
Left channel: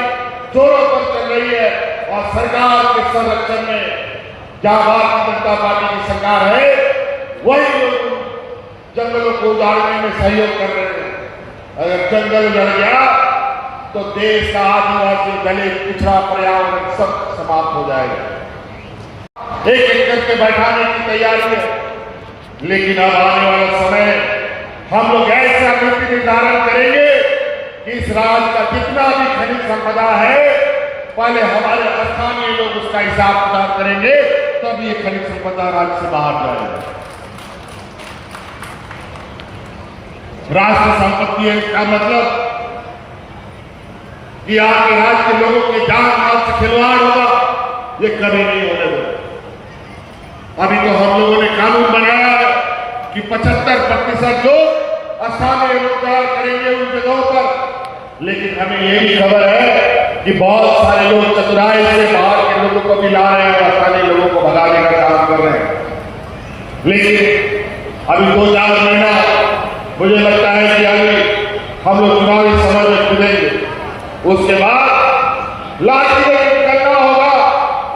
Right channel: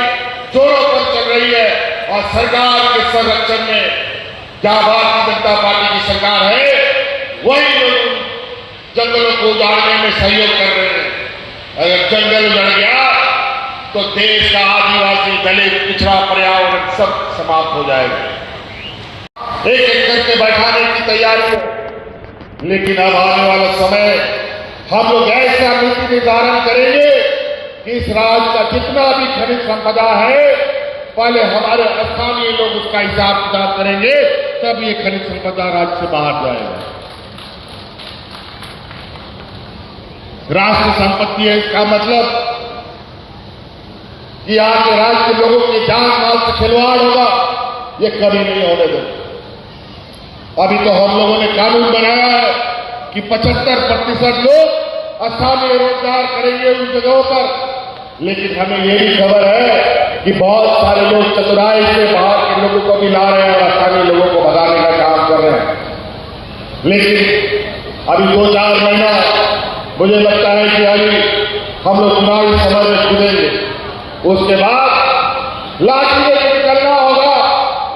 जोरों पर चल रही है और सरकार के संरक्षण में जहां भारतीय जनता पार्टी की सरकार है वही लोग जंगलों को उजाड़ने में सहयोग कर रहे हैं। अगर जंगल उजड़ गया तो देश का आदिवासी, दलित, पिछड़ा पर्यावरण सब समाप्त हो जाएगा। एक एक करके बैठाने की तैयारी है, लेकिन अब आने वाला समय हम लोग ऐसा नीति निर्धारण करेंगे कि इस राज्य का जितना भी खनिज संपदा है, पहले हमारे स्थानीय लोग उसका हिसाब किताब करेंगे, तब ये खनिज संपदा राज्य से बाहर जाएगा। राष्ट्र संपत्ति है, इसका मतलब कि आपके राज्य के लोगों के जान माल से खिलवाड़ होगा, ये कभी नहीं होने देगा। अभी तो हम लोगों ने कानून बनाया है कि 75% लोग स्थानीय रोजगार करेंगे उन जगहों पर, लेकिन हमें ये भी खबर है कि बहुत सारे लोग चतुराई से बाहर के लोगों को भी ला रहे हैं और स्थानीय लोगों को भगाने का काम कर रहे हैं। लेकिन अभी 2-4 महीना मुझे लगता है कि अभी हम लोग चुनावी समय में कूदेंगे, उसके बाद लाठी लेकर निकलना होगा।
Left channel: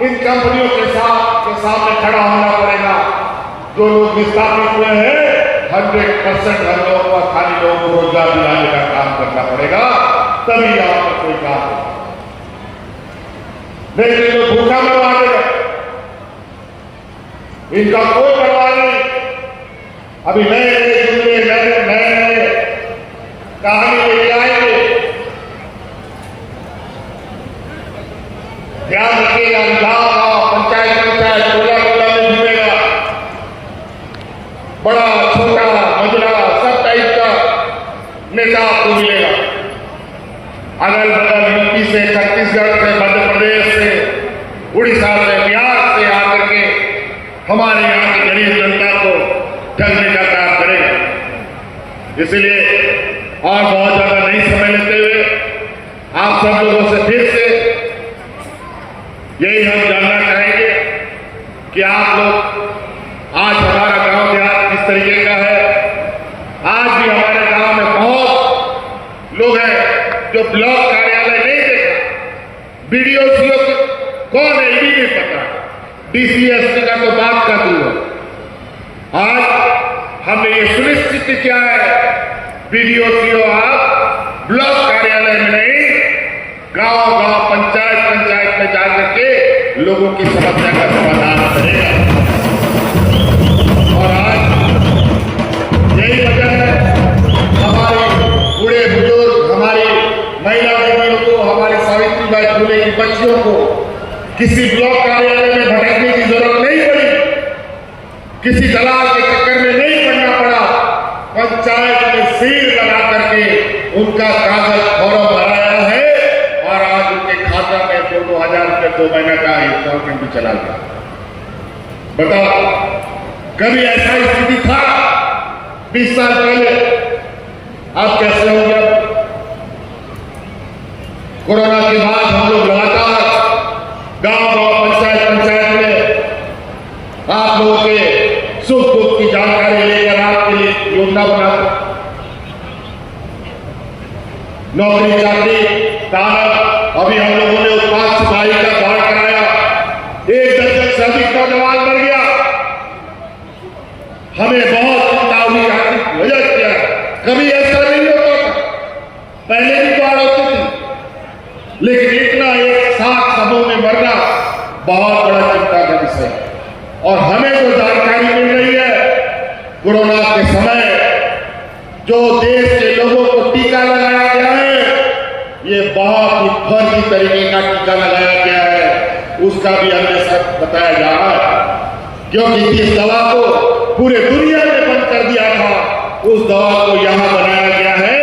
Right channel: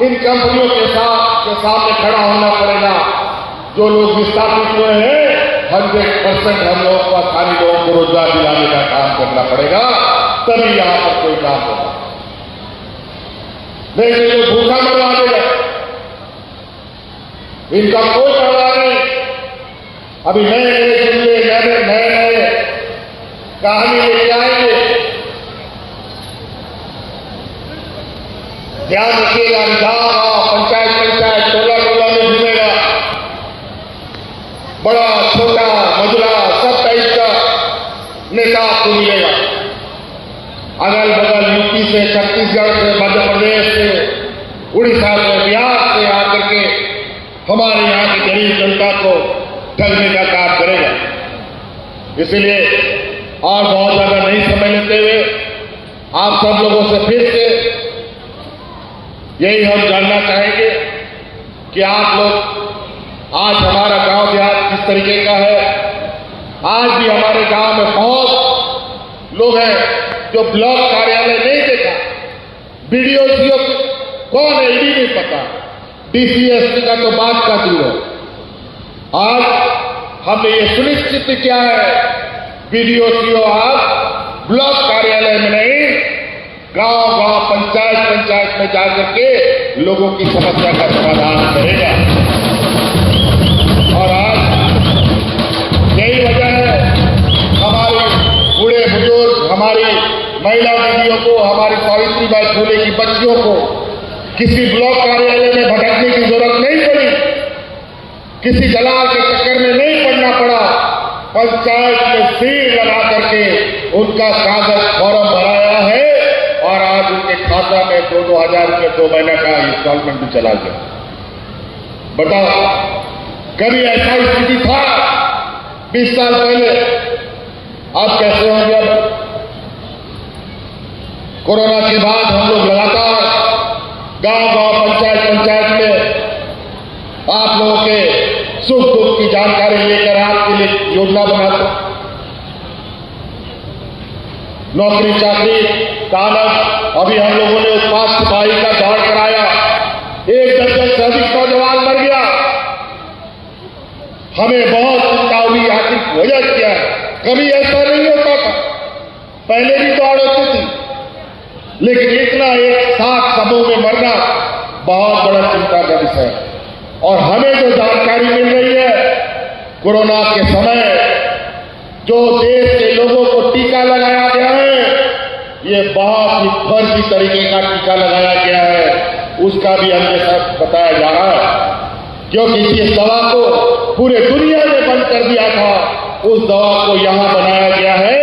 इन कंपनियों के सामने खड़ा होना पड़ेगा। जो लोग विस्थापित हुए हैं 100% हम लोगों को, स्थानीय लोगों को रोजगार दिलाने का काम करना पड़ेगा, तभी यहां पर कोई काम होगा। नहीं तो भूखा मरवा देगा, इनका कोई परवाह नहीं। अभी नए नए जुमले, नए कहानी लेके आएंगे। ध्यान रखिएगा, गांव पंचायत टोला में घूमेगा, बड़ा छोटा मजला सब टाइप का नेता आपको मिलेगा। अगल बगल यूपी से, छत्तीसगढ़ से, मध्य प्रदेश से, उड़ीसा से, बिहार से आकर के हमारे यहाँ की गरीब जनता को ठगने का काम करेगा। इसलिए और बहुत ज्यादा नहीं समय लेते हुए आप सब लोगों से फिर से यही हम जानना चाहेंगे कि आप लोग आज हमारा गांव देहात किस तरीके का है। आज भी हमारे गांव में बहुत लोग हैं जो ब्लॉक कार्यालय नहीं देखा, बीडीओ सीओ कौन है ये भी नहीं पता, डीसीएसपी का तो बात का दूर है। आज हमने ये सुनिश्चित किया है, बीडीओ सीओ आप ब्लॉक कार्यालय में नहीं, गांव पंचायत में जाकर के लोगों की समस्या का समाधान करेगा। और आज यही वजह है, हमारे बूढ़े बुजुर्ग, हमारी महिला दीदियों को, हमारी सावित्रीबाई फुले की बच्चियों को किसी ब्लॉक कार्यालय में भटकने की जरूरत नहीं पड़ी, किसी दलाल के चक्कर में नहीं पड़ना पड़ा। पंचायत में सिर लगा करके उनका कागज फॉर्म भराया है और आज उनके खाता में 2-2 रुपये 2 महीने का इंस्टॉलमेंट भी चला गया। बताओ, कभी ऐसा स्थिति था 20 साल पहले? अब कैसे हो गया? कोरोना के बाद हम लोग लगातार गांव पंचायत में आप लोगों के सुख दुख की जानकारी लेकर आपके लिए योजना बनाते, नौकरी चाकरी तानक। अभी हम लोगों ने उत्पाद सिपाही का दौड़ कराया, 1 दर्जन से अधिक नौजवान मर गया। हमें बहुत चिंता हुई, आखिर वजह क्या है? कभी ऐसा नहीं होता था, पहले भी दौड़ होती थी, लेकिन इतना एक साथ समूह में मरना बहुत बड़ा चिंता का विषय है। और हमें जो जानकारी मिल रही है, कोरोना के समय जो देश के लोगों को टीका लगाया गया है, ये बहुत ही फर्जी तरीके का टीका लगाया गया है, उसका भी हमें सब बताया जा रहा है। क्योंकि इस दवा को पूरे दुनिया में बंद कर दिया था, उस दवा को यहां बनाया गया है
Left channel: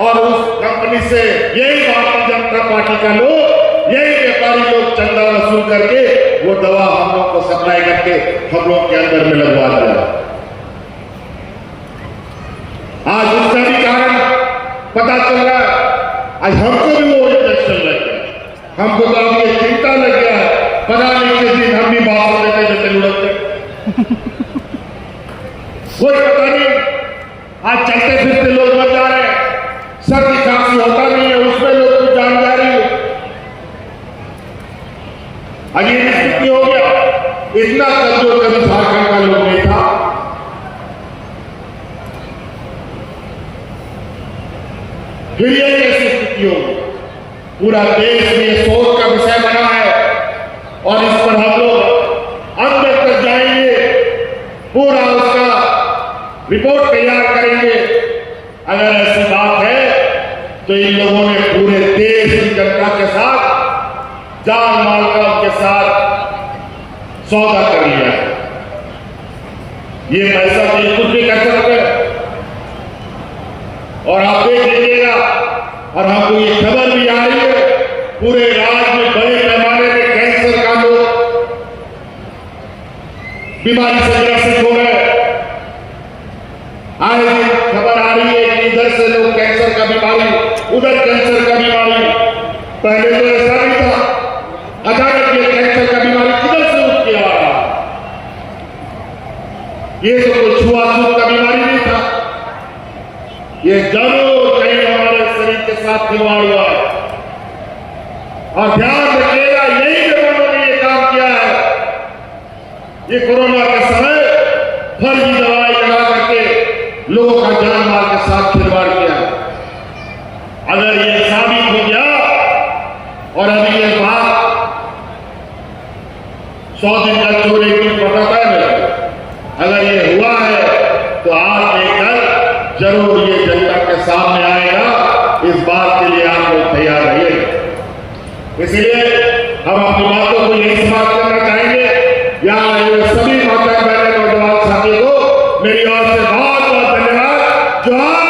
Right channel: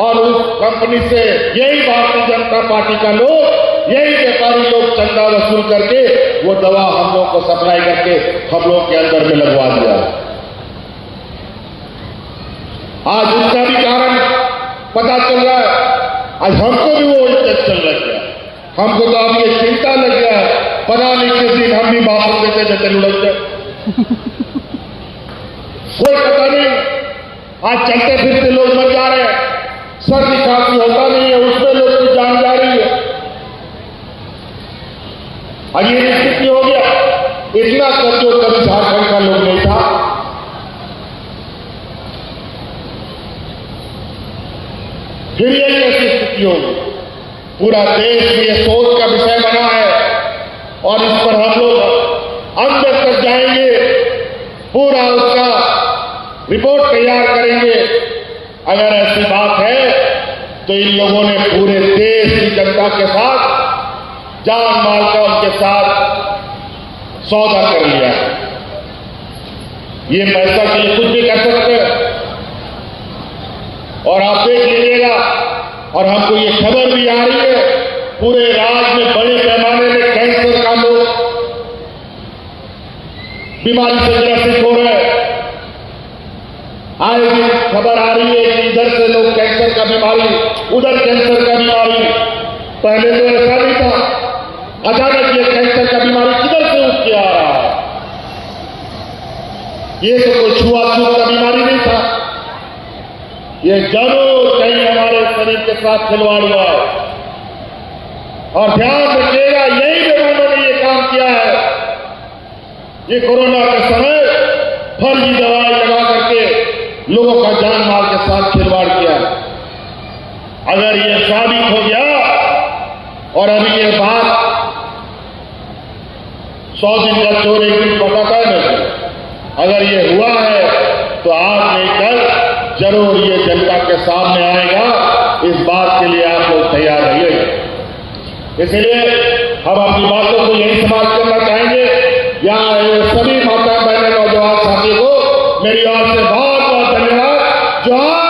और उस कंपनी से यही भारतीय जनता पार्टी का लोग, यही व्यापारी लोग चंदा वसूल करके वो दवा हम लोग को सप्लाई करके हम लोग के अंदर में लगवा दिया। आज उसका भी कारण पता चल रहा है। आज हमको भी वो इंजेक्शन लग गया, हमको तो अब ये चिंता लग गया है, पता नहीं किस दिन हम भी भाषण देते देते लुढ़कते, कोई पता नहीं। आज चलते फिरते लोग मर जा रहे हैं, सर्दी खांसी होता नहीं है, उसमें लोग की जान जा रही है। आज ये स्थिति हो गया। इतना कमजोर कभी झारखंड का लोग नहीं था, की होगी। पूरा देश भी ये सोच का विषय बना है और इस पर हम लोग अंदर तक जाएंगे, पूरा उसका रिपोर्ट तैयार करेंगे। अगर ऐसी बात है तो इन लोगों ने पूरे देश की जनता के साथ जान माल का उनके साथ सौदा कर लिया। ये पैसा के लिए कुछ भी कर सकते हैं और आप देख लीजिएगा। और हमको ये खबर भी आ रही है पूरे राज्य में बड़े पैमाने में कैंसर का लोग बीमारी से ग्रसित हो रहे हैं। आए दिन खबर आ रही है कि इधर से लोग कैंसर का बीमारी, उधर कैंसर का बीमारी। पहले तो ऐसा नहीं था, अचानक ये कैंसर का बीमारी किधर से उठ के आ रहा है। ये तो कोई छुआछूत का बीमारी नहीं था, ये जरूर कहीं हमारे शरीर के साथ खिलवाड़ हुआ है। और ध्यान रखिएगा, यही विभागों ने ये काम किया है। ये कोरोना के समय फर्जी दवाई लगा करके लोगों का जान माल के साथ खिलवाड़ किया। अगर ये साबित हो गया और अभी ये बात 100 दिन का चोर एक दिन पकड़ता है नहीं, अगर ये हुआ है तो आज नहीं कल जरूर ये जनता के सामने आएगा। इस बात के लिए आप लोग तैयार रहिएगा। इसलिए हम अपनी बातों को यही समाप्त करना चाहेंगे। यहाँ सभी माता बहने नौजवान साथी को मेरी ओर से बहुत बहुत धन्यवाद। जोहार।